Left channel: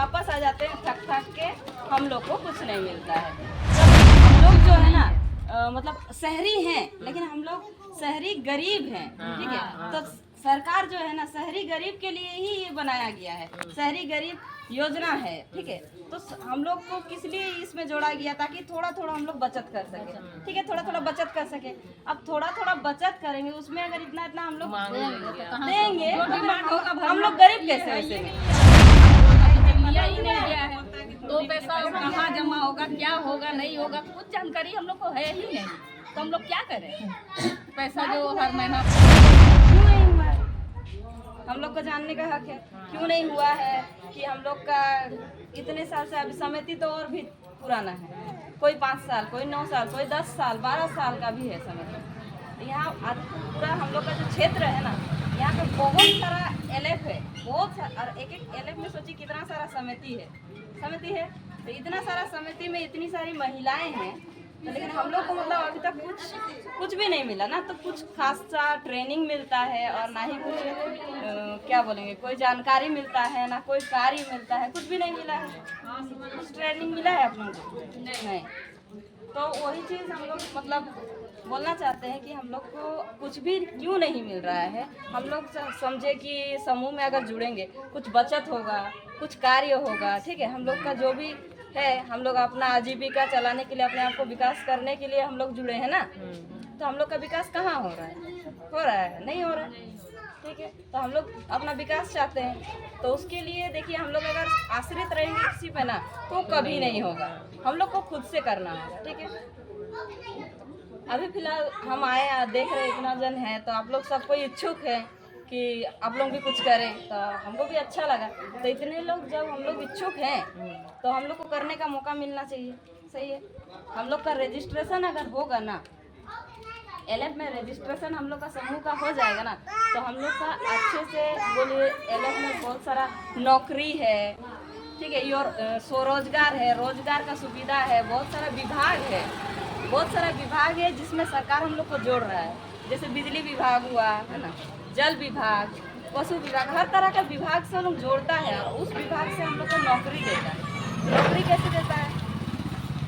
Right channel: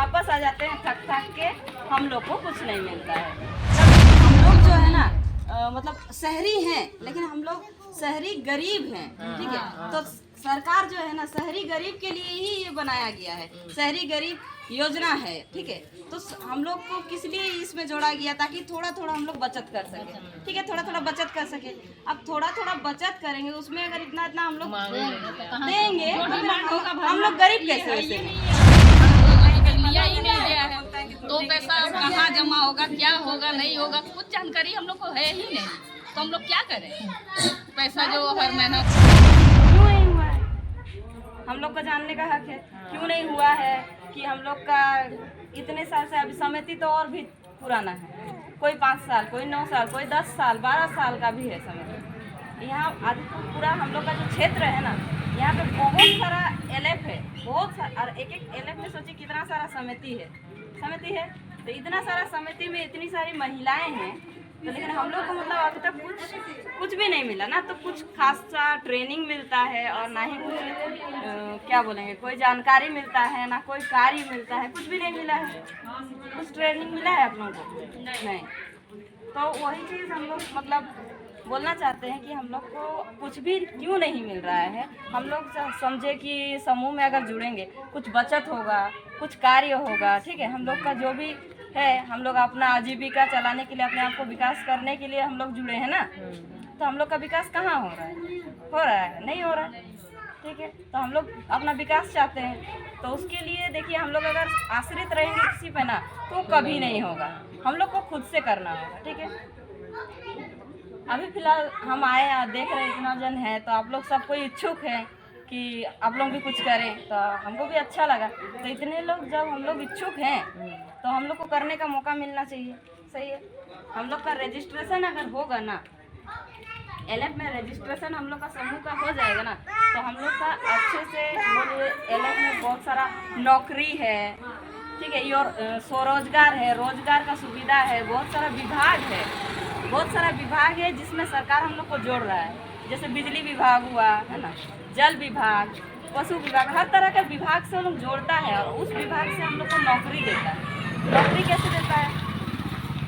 वापस आ जाते हैं थक थक के, हम लोग को कुछ नहीं मिलता है। हम लोग जो है ना मतलब शहरी हैं, लेकिन हम लोग शहरी गरीब हैं, ठीक है। तो सरकार जो है ना शहरी गरीब के लिए ही ये बनाया गया है, शहरी गरीब योजना है, ठीक है। तो हम लोग को किस लिए इसमें जोड़ा गया, ताकि थोड़ा थोड़ा हम लोग बचत कर सके, ठीक है, थोड़ा थोड़ा बचत कर सके। अब थोड़ा थोड़ा बचत करेंगे, उसमें अगर इतना इतना हम लोग देंगे तो फिर हम लोग गरीब कैसे वैसे लिया ही नहीं गया है, तो पैसा कहाँ जमा होगा, क्या होगा, नहीं होगा, कुछ जानकारी हम लोग को है ही नहीं, तो हम लोग क्या करें। पैसा जो हर महीना क्यों नहीं हुआ है, हम लोग को जानने का हक है। क्यों नहीं हुआ है कि हम लोग का इतने साल से, अभी समिति तो और भी पुराना है, कोई 5 साल, कोई 9 साल, कोई 10 साल, 12 साल का भी है समिति। यहाँ अधिकतर पूरा हम लोग का जो क्षेत्र है ना, यहाँ पे बहुत सारा एलएफ है, बहुत सारा, और एक एक एलएफ में सोचिए कितना सारा समिति है। तो इतना सारा समिति में इतनी सारी महिलाएं हैं, तो लेकिन हम लोग को मतलब अभी तक कुछ भी नहीं मिला ना। तो कुछ खास सा ट्रेनिंग मिलता है और ना ही कुछ क्या बोलेंगे, कोई जानकारी मिलता है, ना कोई कार्य मिलता है, कुछ भी नहीं मिला है। कुछ ट्रेनिंग मिला है आप लोगों को? नहीं। तो वही चीज़ हम लोग मतलब बोलना चाहते हैं कि हम लोग को कुछ भी क्यों नहीं मिल रहा है। हम लोग समझे कि समूह में अगर जुड़ेंगे कुछ बचत होगा, कुछ कार्य होगा, ठीक है। हम लोग का जो भी है, हम लोग अपना आजीविका चलाने के लिए, अपने आप को विकास करने के लिए हम लोग जुड़े हैं ना। तो हम लोग का विकास कहाँ हो रहा है? नहीं हो रहा है, ठीक है। तो हम लोग अपना विकास चाहते हैं, तो उसके लिए देखिए हम लोग अगर आश्रित रहेंगे किसी पे ना, तो कभी नहीं होगा। हम लोग को खुद से करना होगा, ठीक है। अभी फिलहाल हम आए, देख रहे इतना जन है, तो आप लोग सब कोई इच्छुक है कि आप लोग भी कुछ करें, तो हमको भी अच्छा लगा। तो इतने लोग जब हम लोग इच्छुक हैं, तो हम लोग को करने का मौका मिलना चाहिए, सही है। हम लोग का रजिस्ट्रेशन अगर होगा ना, एलएफ में रजिस्ट्रेशन हम लोग का समूह का हो जाएगा ना, तो हम लोग का अच्छे से बोलिए एलएफ में बहुत सारा नौकरी है, ठीक है, स्वरोजगार है, रोजगार का सुविधा है, बहुत सारा विभाग है जिसमें सरकार हम लोग को जोड़ रहा है। जैसे बिजली विभाग हुआ है ना, जल विभाग, पशु विभाग, हर तरह का विभाग से हम लोग जोड़ता है, और उस विभाग से हम लोग को नौकरी देता है। नौकरी कैसे देता है?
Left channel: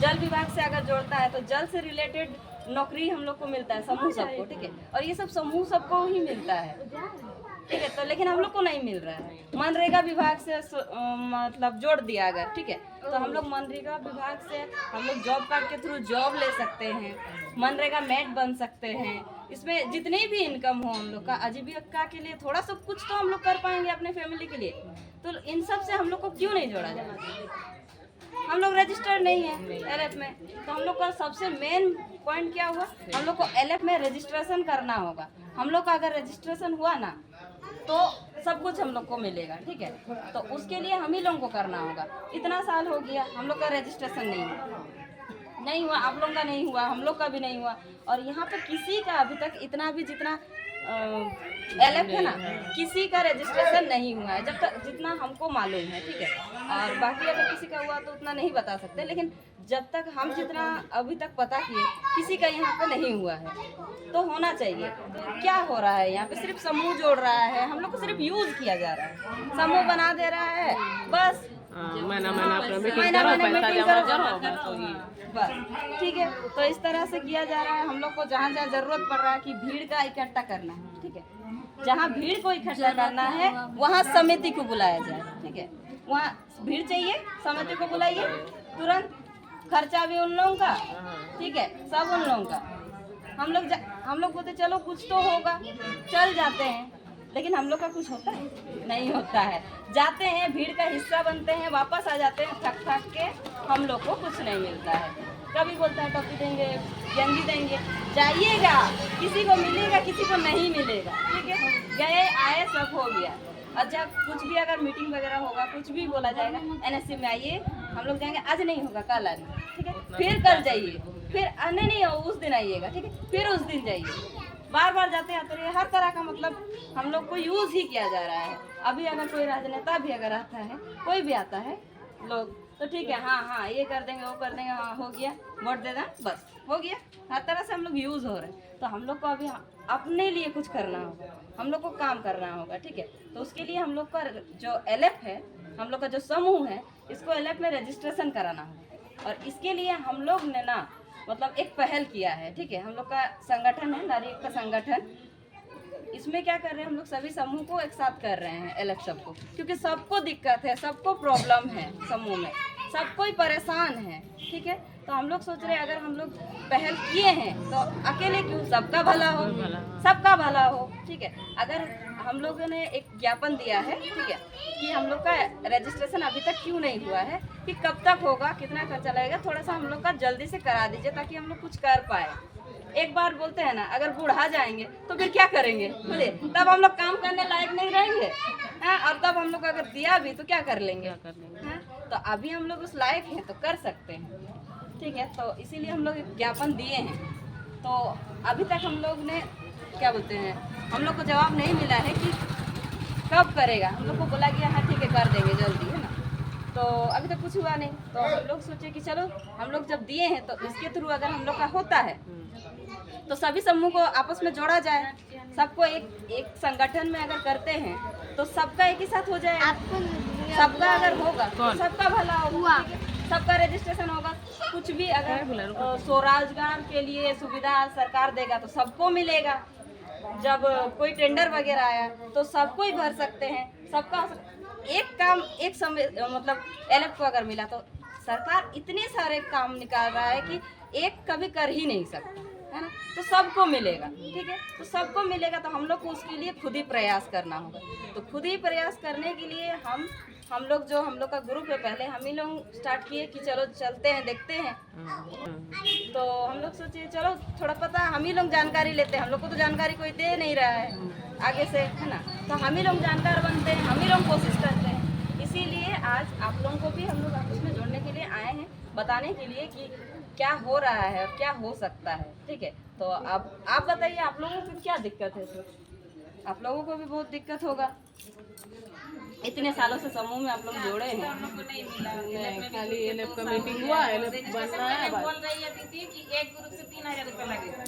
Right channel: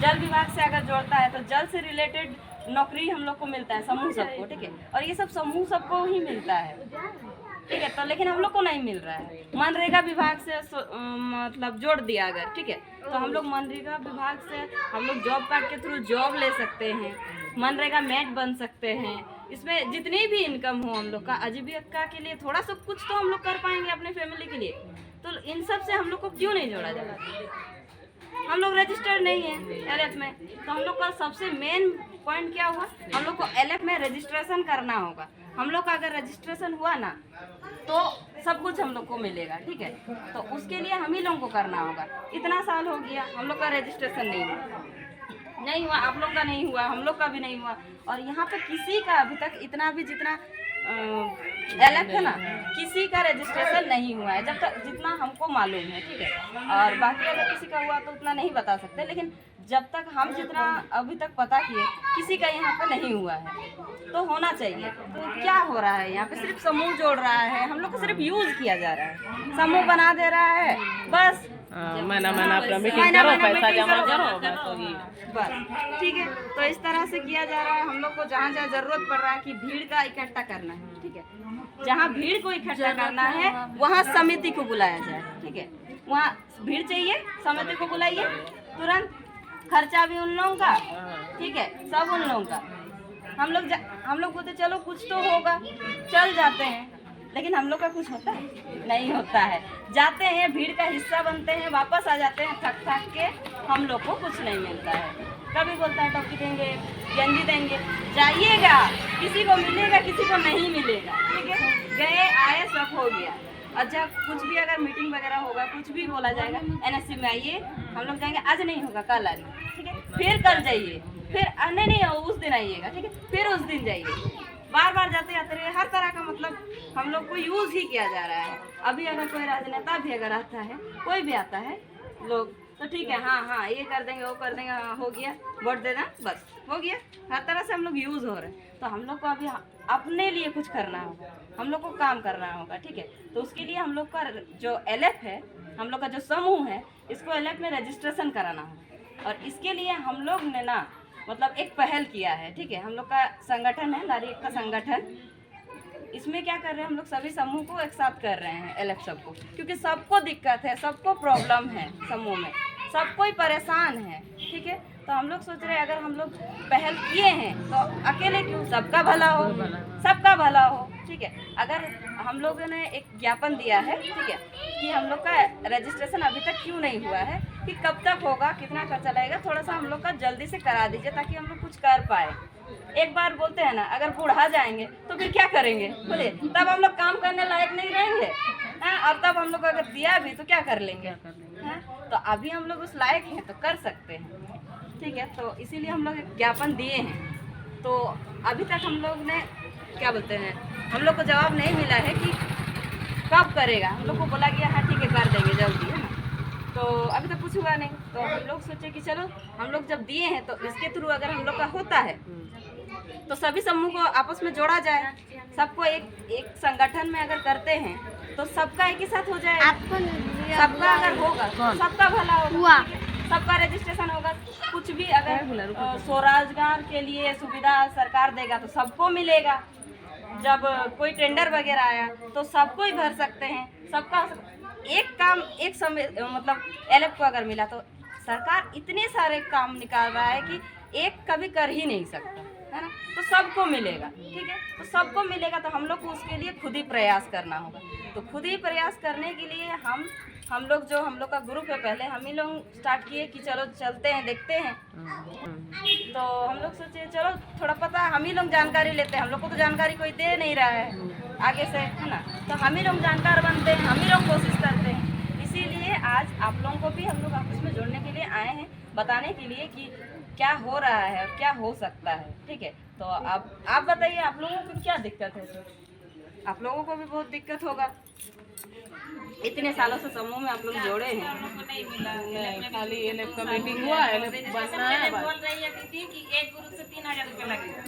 जल विभाग से अगर जोड़ता है तो जल से रिलेटेड नौकरी हम लोग को मिलता है, समूह सबको, ठीक है। और ये सब समूह सबको ही मिलता है, ठीक है। तो लेकिन हम लोग को नहीं मिल रहा है। मनरेगा विभाग से मतलब जोड़ दिया अगर, ठीक है, तो हम लोग मनरेगा विभाग से हम लोग जॉब कार्ड के थ्रू जॉब ले सकते हैं, मनरेगा नेट बन सकते हैं। इसमें जितनी भी इनकम हो हम लोग का आजीविका के लिए थोड़ा सा कुछ तो हम लोग कर पाएंगे अपने फैमिली के लिए। तो इन सब से हम लोग को क्यों नहीं जोड़ा जाएगा? हम लोग रजिस्टर्ड नहीं है एलएफ में, तो हम लोग का सबसे मेन पॉइंट क्या हुआ, हम लोग को एलएफ में रजिस्ट्रेशन करना होगा। हम लोग का अगर रजिस्ट्रेशन हुआ ना, तो सब कुछ हम लोग को मिलेगा, ठीक है। तो उसके लिए हम ही लोगों को करना होगा। इतना साल हो गया हम लोग का रजिस्ट्रेशन नहीं हुआ, आप लोग का नहीं हुआ, हम लोग का भी नहीं हुआ, और यहाँ पे किसी का अभी तक इतना भी जितना एलएफ है ना, किसी का रजिस्ट्रेशन नहीं हुआ है, जब तक जितना हमको मालूम है, ठीक है। और बाकी अगर किसी का हुआ तो उतना नहीं बता सकते, लेकिन जब तक हम जितना अभी तक पता किए, किसी का यहाँ पे नहीं हुआ है, तो होना चाहिए। तो क्या हो रहा है यहाँ पे? सिर्फ समूह जोड़ रहा है, हम लोग को सिर्फ यूज किया जा रहा है, समूह बना दे रहा है, बस महीना अपना मीटिंग करो, पैसा जमा करो, बस होगी बस, ठीक है। तो इस तरह से किया जा रहा है। हम लोग को जहाँ जहाँ जरूरत पड़ रहा है कि भीड़ का इकट्ठा करना है, ठीक है, जहाँ भीड़ को इकट्ठा करना है वहाँ समिति को बुलाया जाए, ठीक है। वहाँ भीड़ चाहिए, समिति को बुलाइए तुरंत, खर्चा भी उन लोगों का, ठीक है, सब उन लोगों का। हम लोग बोलते चलो कुछ तो होगा, चल जाते हैं, लेकिन हम लोग का कुछ होता है? नहीं होता है। जाते हैं, भीड़ का हिस्सा बनते हैं, वापस आ जाते हैं थक थक के, हम लोग को कुछ नहीं मिलता है। कभी बोलता है टॉपी देंगे, गंजी देंगे, जाइएगा, किसी को मिलेगा, किसी को नहीं मिलेगा, ठीक है। गए आए सब हो गया। अच्छा, कुछ भी अगर मीटिंग वगैरह होगा, कुछ भी बोला जाएगा, एनएससी में आइए, हम लोग जाएंगे, आज नहीं होगा कल आइए, ठीक है, फिर कल जाइए, फिर आने नहीं हो उस दिन आइएगा, ठीक है, फिर उस दिन जाइए, बार बार जाते आते रहे। हर तरह का मतलब हम लोग को यूज ही किया जा रहा है। अभी अगर कोई राजनेता भी अगर आता है, कोई भी आता है, लोग तो ठीक है, हाँ हाँ ये कर देंगे, वो कर देंगे, हाँ हो गया, वोट दे दें, बस हो गया। हर तरह से हम लोग यूज़ हो रहे हैं। तो हम लोग को अभी अपने लिए कुछ करना होगा, हम लोग को काम करना होगा, ठीक है। तो उसके लिए हम लोग का जो एलएफ है, हम लोग का जो समूह है, इसको एलएफ में रजिस्ट्रेशन कराना होगा। और इसके लिए हम लोग ने ना मतलब एक पहल किया है, ठीक है। हम लोग का संगठन है नारी एकता संगठन। इसमें क्या कर रहे हैं, हम लोग सभी समूह को एक साथ कर रहे हैं एलएफ सबको, क्योंकि सबको दिक्कत है, सबको प्रॉब्लम है, समूह में सब कोई परेशान है, ठीक है। तो हम लोग सोच रहे हैं अगर हम लोग पहल किए हैं तो अकेले क्यों, सबका भला हो, सबका भला हो, ठीक है। अगर हम लोगों ने एक ज्ञापन दिया है, ठीक है, कि हम लोग का रजिस्ट्रेशन अभी तक क्यों नहीं हुआ है, कि कब तक होगा, कितना खर्चा लगेगा, थोड़ा सा हम लोग का जल्दी से करा दीजिए ताकि हम लोग कुछ कर पाए। एक बार बोलते हैं ना, अगर बूढ़ा जाएंगे तो फिर क्या करेंगे, बोले तब हम लोग काम करने लायक नहीं रहेंगे, हैं। और तब हम लोग अगर दिया भी तो क्या कर लेंगे, हैं। तो अभी हम लोग उस लायक हैं तो कर सकते हैं, ठीक है। तो इसीलिए हम लोग एक ज्ञापन दिए हैं। तो अभी तक हम लोग ने क्या बोलते हैं, हम लोग को जवाब नहीं मिला है कि कब करेगा। हम लोग को बोला गया है ठीक है कर देंगे जल्दी, है ना। तो अभी तक कुछ हुआ नहीं। तो हम लोग सोचे कि चलो हम लोग जब दिए हैं तो इसके थ्रू अगर हम लोग का होता है तो सभी समूह को आपस में जोड़ा जाए, सबको एक संगठन में अगर करते हैं तो सबका एक ही साथ हो जाएगा। सबका अगर होगा तो सबका भला होगा, सबका रजिस्ट्रेशन होगा। कुछ भी अगर स्वरोजगार के लिए सुविधा सरकार देगा तो सबको मिलेगा। जब कोई टेंडर वगैरह आया तो सबको ही भर सकते हैं, सबका एक काम एक समय मतलब एलएफ को अगर मिला तो सरकार इतने सारे काम निकाल रहा है कि एक कभी कर ही नहीं सकता, है ना। तो सबको मिलेगा, ठीक है। तो सबको मिलेगा तो हम लोग को उसके लिए खुद ही प्रयास करना होगा। तो खुद ही प्रयास करने के लिए हम लोग जो हम लोग का ग्रुप है, पहले हम ही लोग स्टार्ट किए कि चलो चलते हैं देखते हैं। तो हम लोग सोचे चलो थोड़ा पता हम ही लोग जानकारी लेते हैं, हम लोग को तो जानकारी कोई दे नहीं रहा है आगे से, है ना। तो हम ही लोग जानकार बनते हैं, हम ही लोग कोशिश करते हैं। इसीलिए आज आप लोगों को भी हम लोग आपस में जोड़ने के लिए आए हैं, बताने के लिए कि क्या हो रहा है और क्या हो सकता है, ठीक है। तो अब आप बताइए आप लोगों को क्या दिक्कत है। सर आप लोगों को भी बहुत दिक्कत होगा, इतने सालों से समूह में आप लोग जोड़े हैं। हम लोग को नहीं मिला, खाली एलएफ का मीटिंग हुआ, एलएफ बनना है बस। बोल रही है दीदी कि एक ग्रुप से 3000 रुपये लगेगा,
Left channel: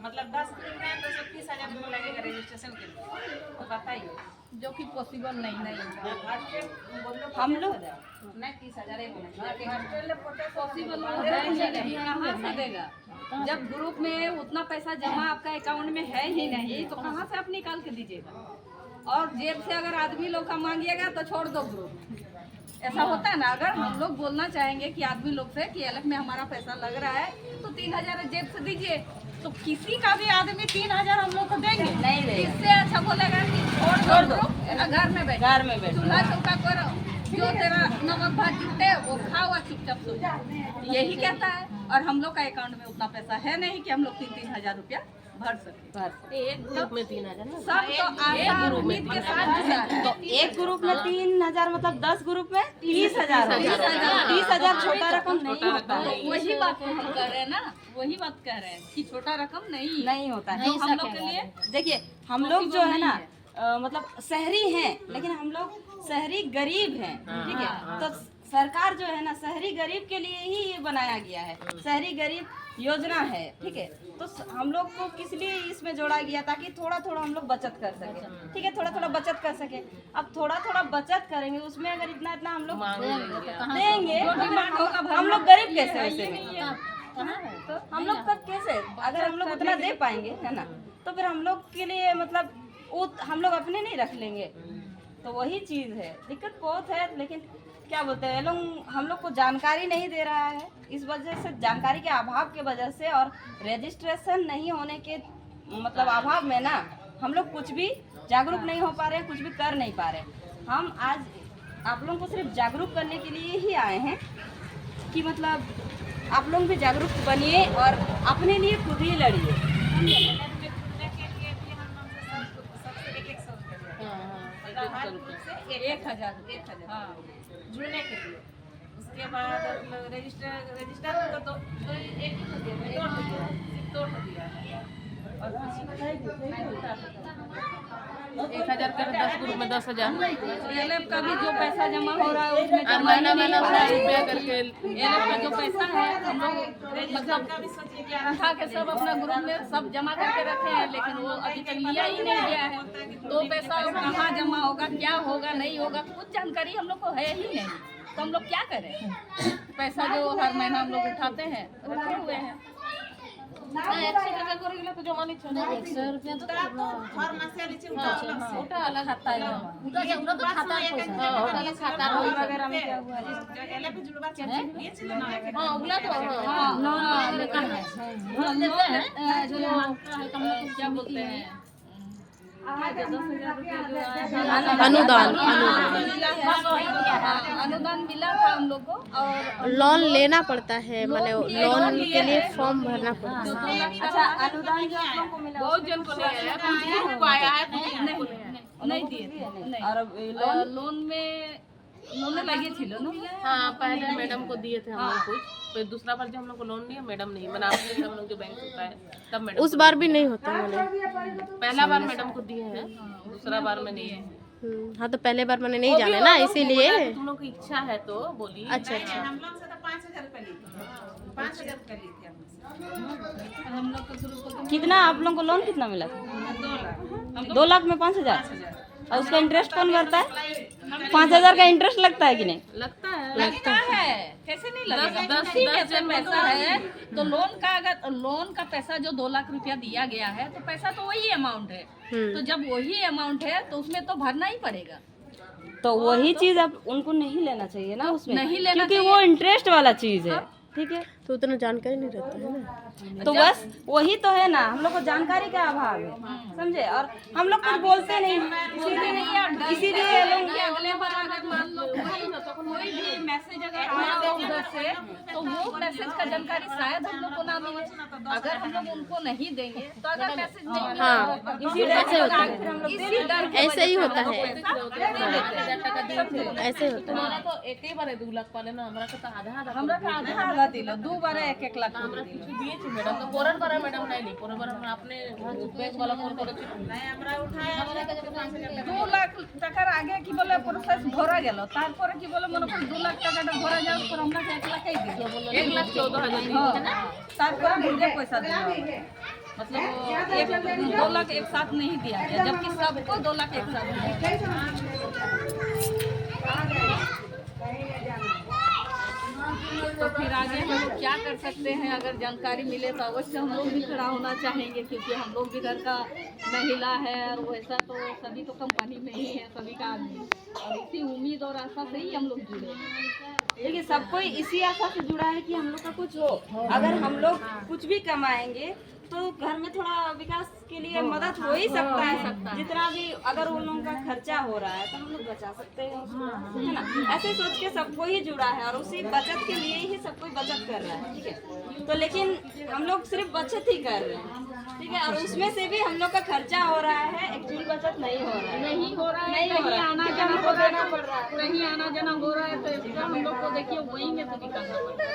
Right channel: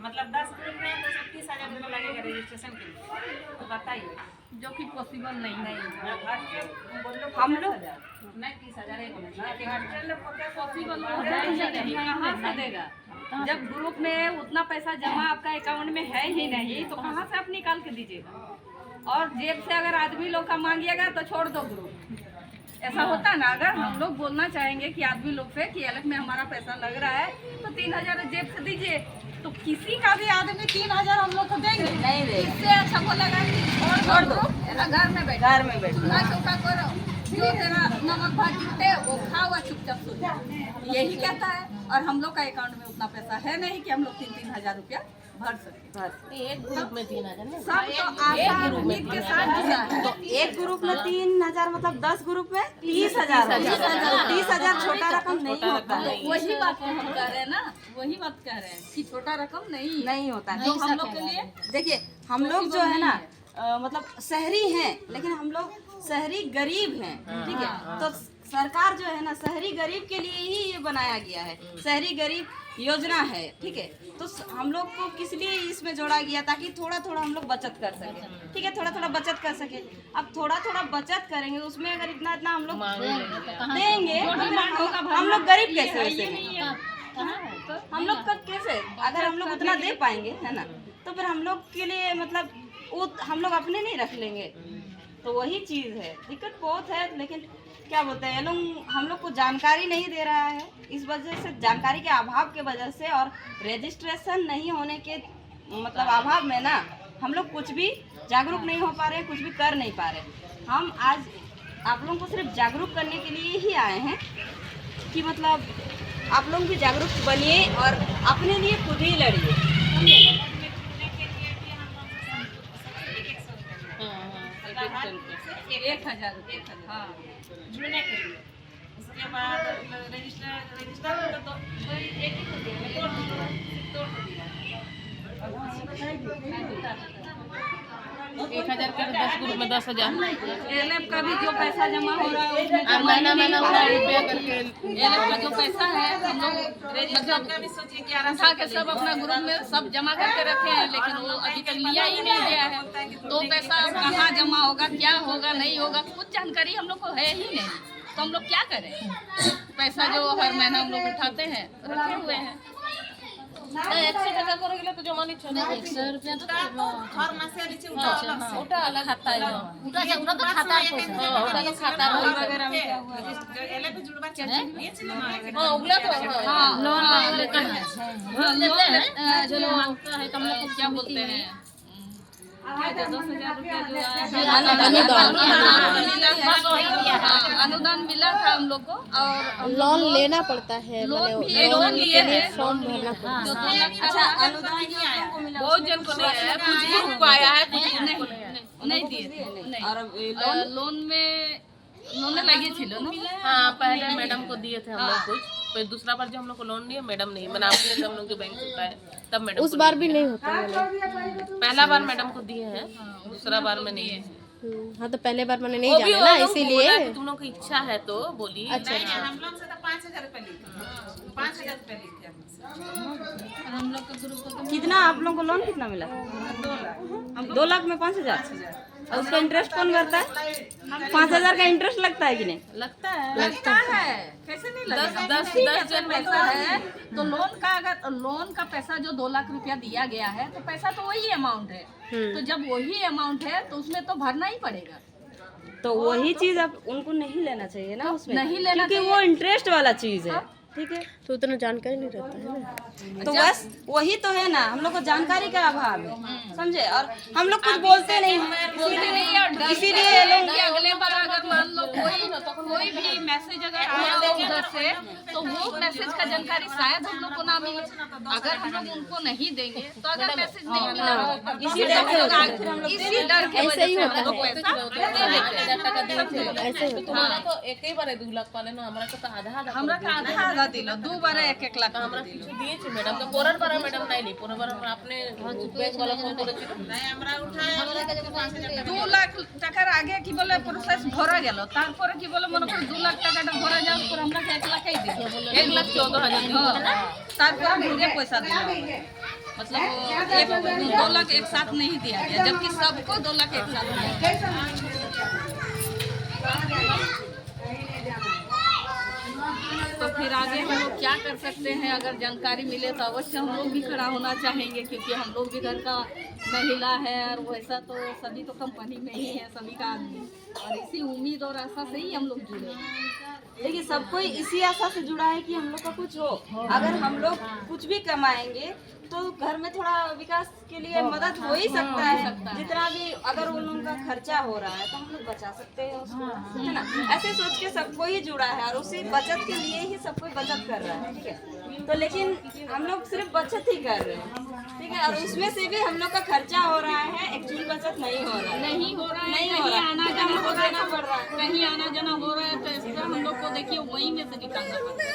मतलब 10 ग्रुप में तो सब 30,000 रुपये लगेगा रजिस्ट्रेशन के लिए। तो बताइए, जो कि पॉसिबल नहीं हम लोग नहीं 30,000 एक पॉसिबल कहाँ से देगा। जब ग्रुप में उतना पैसा जमा आपका अकाउंट में है ही नहीं तो कहाँ से आप निकाल के दीजिएगा। और जेब से अगर आदमी लोग का मांगिएगा तो छोड़ दो ग्रुप, ऐसा होता है ना। अगर हम लोग बोलना चाहेंगे कि आदमी लोग से कि एलएफ में हमारा पैसा लग रहा है तो 3,000 जेब से दीजिए, तो किसी का भी आदमी 3,000 हम लोग को देंगे नहीं देगा। इससे अच्छा बोलेगा कि छोड़ दो ग्रुप, घर में बैठ चूल्हा चौका करो, जो तेरा नमक भात जुटे वो खाओ और चुपचाप सो जाओ, यही कहता है। और हम लोग का अकाउंट में उतना पैसा है नहीं कि हम लोग 3,000 रुपया भर सके। एक ग्रुप में 3,000 ना, सब तो एक ग्रुप में के साथ जुड़ा है। तो एक ग्रुप में 3,000 मतलब 10 ग्रुप में 30,000। 30,000 छोटा रकम नहीं होता है। तो वही बात को हम कर रहे हैं ना, वही बात कह रहे हैं कि छोटा रकम नहीं होता है। तो हम लोग के लिए देखिए हम लोग जो है ना मतलब शहरी हैं, लेकिन हम लोग शहरी गरीब हैं, ठीक है। तो सरकार जो है ना शहरी गरीब के लिए ही ये बनाया गया है, शहरी गरीब योजना है, ठीक है। तो हम लोग को किस लिए इसमें जोड़ा गया, ताकि थोड़ा थोड़ा हम लोग बचत कर सके, ठीक है। थोड़ा थोड़ा बचत कर सके। अब थोड़ा थोड़ा बचत करेंगे, उसमें अगर इतना इतना हम लोग देंगे तो हम लोग गरीब कैसे बचेंगे? हम लोग का कैसे, अगर हम लोग उतना दे पाएंगे, है ना, तो फिर हम लोग के लिए मतलब हम लोग अपने नहीं रख लेंगे। तो वही चीज़ है, दिक्कत बहुत है। लेकिन क्या बोलते हैं लोग, हम लोग को जानकारी नहीं दे रहा है। इस वजह से जानकारी के अभाव के वजह से और रजिस्ट्रेशन नहीं होने के मतलब अभाव में ना हम लोग कुछ भी जागरूक नहीं हो पा रहे, कुछ भी कर नहीं पा रहे। हम आज आप लोगों को सिर्फ जागरूक करने के लिए ही आए हैं कि मतलब आप लोग भी जागरूक बनिए और अपने लिए खुद ही लड़िए, समझे। एक हजार जुड़ने के लिए। उसके बाद रजिस्टर तो एक ही तो दिया, मैं तोड़ दिया है और 1000 कर 10 ग्रुप में 10,000 एलएफ का भी जो पैसा जमा हो रहा है उसमें और महीना 100 रुपया करके एलएफ का जो पैसा है हम लोग मतलब का भी सोचिए 11 उठा के सब अपना ग्रुप में सब जमा करके रखे हैं, लेकिन वो अभी तक लिया ही नहीं गया है। तो पैसा कहाँ जमा होगा, क्या होगा, नहीं होगा, कुछ जानकारी हम लोग को है ही नहीं। तो हम लोग क्या करें? पैसा जो हर महीना हम लोग उठाते हैं रखे हुए हैं। 100 টাকা করে গেলে তো জমা নিচ্ছে না 100 रुपया तो हर मासे वाली से उठा अलग से ওটা अलग खाता है उठा तो खाता है पैसा खाता वगैरह में क्या हुआ एले पे जुड़वा चाहिए नहीं चले ना हां उगला तो हाँ, लोन वगैरह का लोन देते हैं जो मांगता है हम लोग को क्या बोलते हैं, क्या जो 10,000 रुपया जो आया अनुदान बस वही दिया है। अनुदान मिला था हम लोग को और लोन लेना पड़ता है, लोन मतलब भी लोन लोन के लिए लिए थे। फॉर्म भरना पड़ता है। 2 लाख का अच्छा अनुदान ही आपको मिला बहुत जन को नहीं आया कुछ ग्रुप को आया है नहीं दिए नहीं। और अब लोन में लगे थे ना। हाँ पहले मैडम को दिए थे हम लोग कुछ, फिर दूसरा बार जो हम लोग को लोन दिया मैडम नहीं मैंने आपके हम लोग जो बैंक होता है तब मैडम उस बार भी नहीं होता मैंने। पहला बार मैडम को दिए हैं, दूसरा बार में नहीं है। हाँ तो पहले बार मैंने नहीं जाने ना, इसीलिए। तुम लोग की इच्छा है तो बोलिए। अच्छा नहीं हम लोग से तो 5,000 रुपए लिखे 5,000 रुपए लिखे हम लोग का ग्रुप को कितना आप लोगों को लोन कितना मिला? 2 लाख में 5,000। और उसका इंटरेस्ट कौन करता है? 5,000 का इंटरेस्ट लगता है कि नहीं? लगता है, कैसे नहीं लगेगा? 10 जन पैसा है तो लोन का पैसा जो 2 लाख रुपया दिया गया है तो पैसा तो वही अमाउंट है। तो जब वही अमाउंट है तो उसमें तो भरना ही पड़ेगा। तो वही चीज अब उनको नहीं लेना चाहिए ना उसमें, नहीं लेना क्योंकि वो इंटरेस्ट वाला चीज है। ठीक है, तो उतना जानकारी नहीं रहता है ना। तो बस वही तो है ना, हम लोग को जानकारी का अभाव है, समझे? और हम लोग कुछ बोलते नहीं हैं, इसीलिए लोग अगले बार अगर मान लो कोई भी मैसेज अगर आया हो उधर से तो वो मैसेज का जानकारी शायद हम लोग को ना मिले। अगर हम लोग उनको नहीं देंगे तो अगर मैसेज नहीं मिला इसी डर के ऐसे ही वजह से होता हम लोग है। पैसा ले लेते हैं, समझे? ऐसे होता है। तो एक ही बार 2 लाख वाले ना हमरा के तो आधा हमरा का आधा दिलो 2 बार 1-1 लाख दिए थे मैडम तो पोरर पर मैडम नहीं पोरर पर हम अपने बैंक वाला को करे नहीं हमरा उठाया 2 लाख টাকার আগে কি বলে প্রসেস ভরা গেল, তারপরে কি বলে মনে করি 2 লাখ টাকাটা ভরা যাওয়ার পর আমরা 1 লাখই দিই 1,14,000 তারপরে ঘুরে পয়সা দিলাম আমরা। मतलब 2 लाख एक साथ नहीं दिया गया, जबकि सबको 2 लाख एक साथ दिया। तो फिर आगे हम लोग क्या कर सकते हैं? अगर जानकारी मिले तो अवश्य हम लोग भी खड़ा होना चाहेंगे, क्योंकि हम लोग भी घर का महिला है और वैसा तो सभी तो कंपनी में ही है सभी का आदमी, और इसी उम्मीद और आशा से ही हम लोग जुड़े हैं। देखिए सब कोई इसी आशा से जुड़ा है कि हम लोग का कुछ हो। अगर हम लोग कुछ भी कमाएंगे तो घर में थोड़ा विकास के लिए मदद हो ही सकता है। जितना भी अगर उन लोगों का खर्चा हो रहा है तो हम लोग बचा सकते हैं उसको, है ना? ऐसे सोच के सबको ही जुड़ा है और उसी बचत के लिए ही सब कोई बचत कर रहा है। ठीक है, तो लेकिन हम लोग सिर्फ बचत ही कर रहे हैं, ठीक है, और उसमें से भी हम लोग का खर्चा हो रहा है, एक्चुअल बचत नहीं हो रहा है। नहीं हो रहा है, नहीं हो रहा है, आना क्योंकि जाना हमको देना पड़ रहा है। कहीं आना जाना हो रहा है तो इसका हम लोग को देखिए वहीं में से निकालना पड़ता है।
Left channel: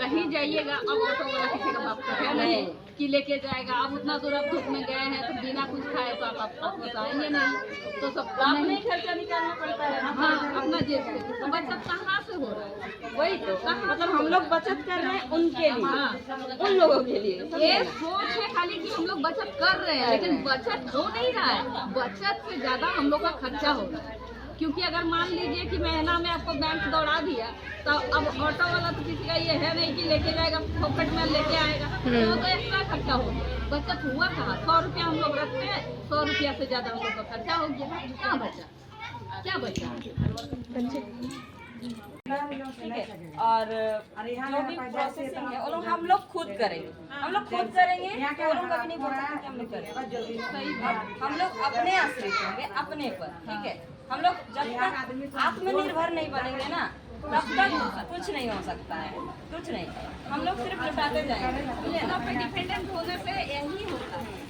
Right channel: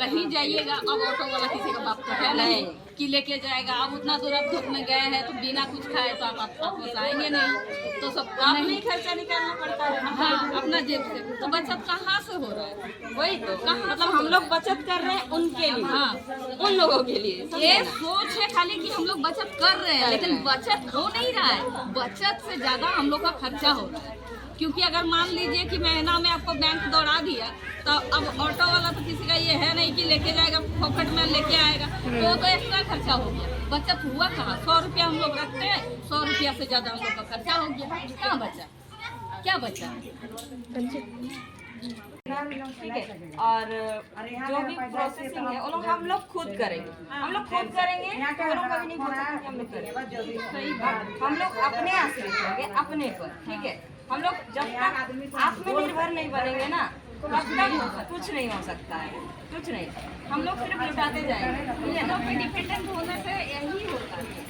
कहीं जाइएगा, अब ऑटो वाला किसी का बाप तो है नहीं कि लेके जाएगा। अब उतना दूर आप धूप में गए हैं तो बिना कुछ खाए तो आप वापस आएंगे नहीं, तो सबको अपने ही खर्चा निकालना पड़ता है ना। हाँ अपना जेब से, तो बचत कहाँ से हो रहा है? वही तो मतलब हम लोग बचत कर रहे हैं उनके लिए, हाँ उन लोगों के लिए, समझे ये ना? सोच है खाली कि हम लोग बचत कर रहे हैं, लेकिन बचत हो नहीं रहा है। बचत से ज्यादा हम लोग का खर्चा हो रहा है, क्योंकि अगर मान लीजिए कि महीना में आपको बैंक दौड़ा दिया तो अब ऑटो वाला तो किसी का ये है नहीं कि लेके जाएगा पॉकेट में लेके आएगा, वो तो एक्स्ट्रा खर्चा हो गया। बचत हुआ कहाँ? 100 रुपया हम लोग रखते हैं, 100 रुपया से ज्यादा हम लोग का खर्चा हो गया। क्या बचा? क्या बचा? ठीक है, और जो भी प्रोसेसिंग है वो लोग हम लोग खुद करेंगे, हम लोग खुद करेंगे, तो वो लोग कभी नहीं बोल सकते कि हम लोग करेंगे। सही बात। हम लोग अपने आश्रित होंगे, अपने पर। ठीक है, हम लोग जब तक आत्मनिर्भर नहीं बनेंगे ना तब तक कुछ नहीं हो सकता है, कुछ नहीं। हम लोग सिर्फ लुटाते जाएंगे, ठीक है ना? पे डिपेंडेंट होने से यही होता है।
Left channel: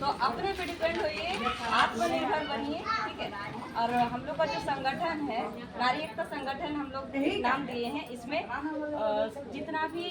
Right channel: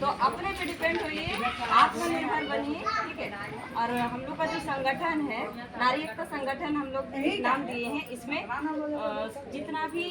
तो अपने पे डिपेंड होइए, आत्मनिर्भर बनिए। ठीक है, और हम लोग का जो संगठन है नारी एकता संगठन हम लोग नाम दिए हैं। इसमें जितना भी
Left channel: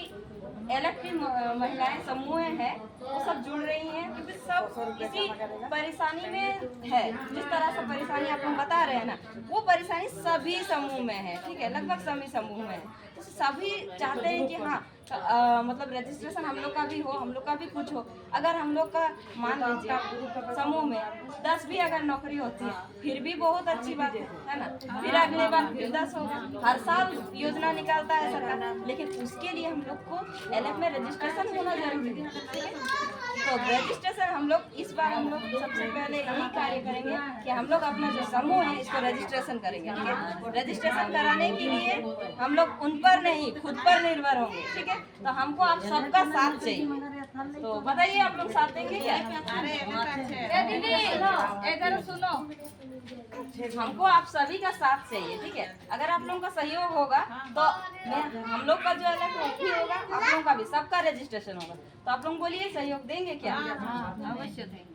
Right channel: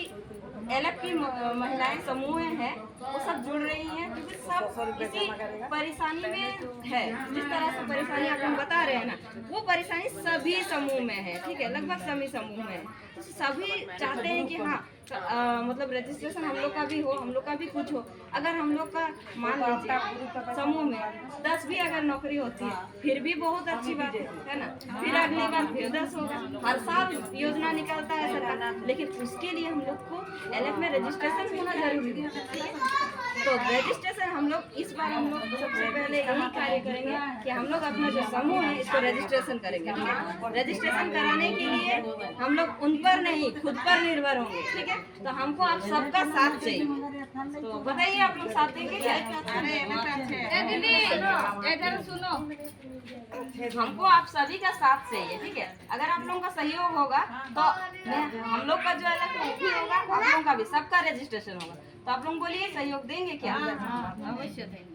एलएफ की महिलाएं समूह हैं वो सब जुड़ रही हैं, क्योंकि सब इसी परेशानी में है। जिस तरह से परेशानी आप लोग बता रहे हैं ना, वो परेशानी सभी समूह में है, ठीक है, लगभग सभी समूह में है। तो सभी चाहते हैं कि हाँ मतलब रजिस्ट्रेशन हम लोग का भी हो, हम लोग का भी कुछ हो। अगर हम लोग का मान लीजिए समूह में 10 भी अगर नौकरी होती है फिर भी बहुत अच्छी बात है ना, फिर अगली बार फिर 10 होगा। हर साल योजना निकालता है सरकार, लेकिन उसके लिए हम लोग को एलएफ में रजिस्ट्रेशन होना जरूरी है। तो रजिस्ट्रेशन हम लोग इस बार हम लोग सबसे पहले यही कार्य करेंगे कि हम लोग अपना जो समूह है इसको रजिस्ट्रेशन करेंगे, ठीक है। रजिस्ट्रेशन कराने के लिए हम लोग उन पर नहीं खुद पर निर्भर होंगे, ठीक है। तो हमको आप सबका साथ चाहिए। तो बताइए आप लोग साथ देंगे क्या? हमको आप सभी का साथ चाहिए, ठीक है। अगर आप लोगों का सहयोग होगा तो हम लोग का जो अलग भी होगा, आप लोगों का भी, सबका रजिस्ट्रेशन होगा। तो आप लोग बोलिए सहयोग देंगे क्या? अवश्य देंगे।